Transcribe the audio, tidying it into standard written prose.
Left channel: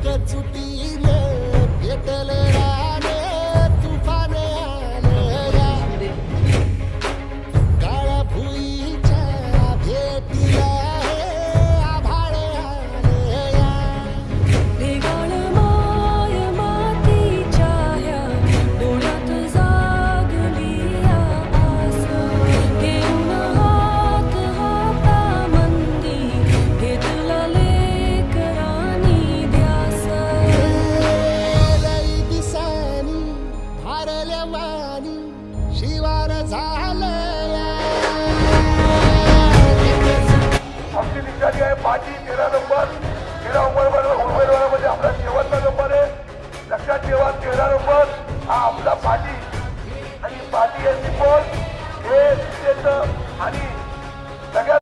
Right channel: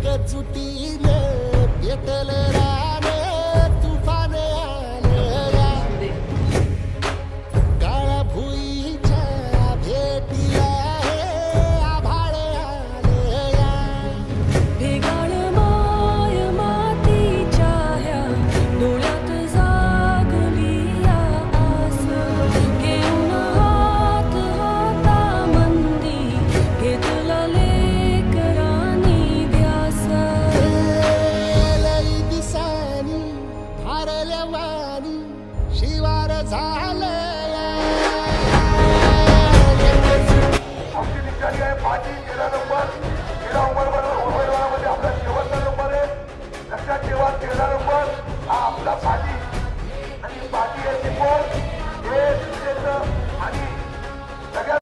एकजुटीने पेटलं रान तुफान आलं या काळ्या भुईच्या भेटीला हे आभाळ आलं या भेगाळ माय मातीच्या ह्या डोळ्यात जागली या आस घेऊन हात हातामंदी घेतला लेकरांनी ध्यास लई दिसानी भारल्या वाणी शिवार झालं आमची निघाली आहे 5 13 नंबर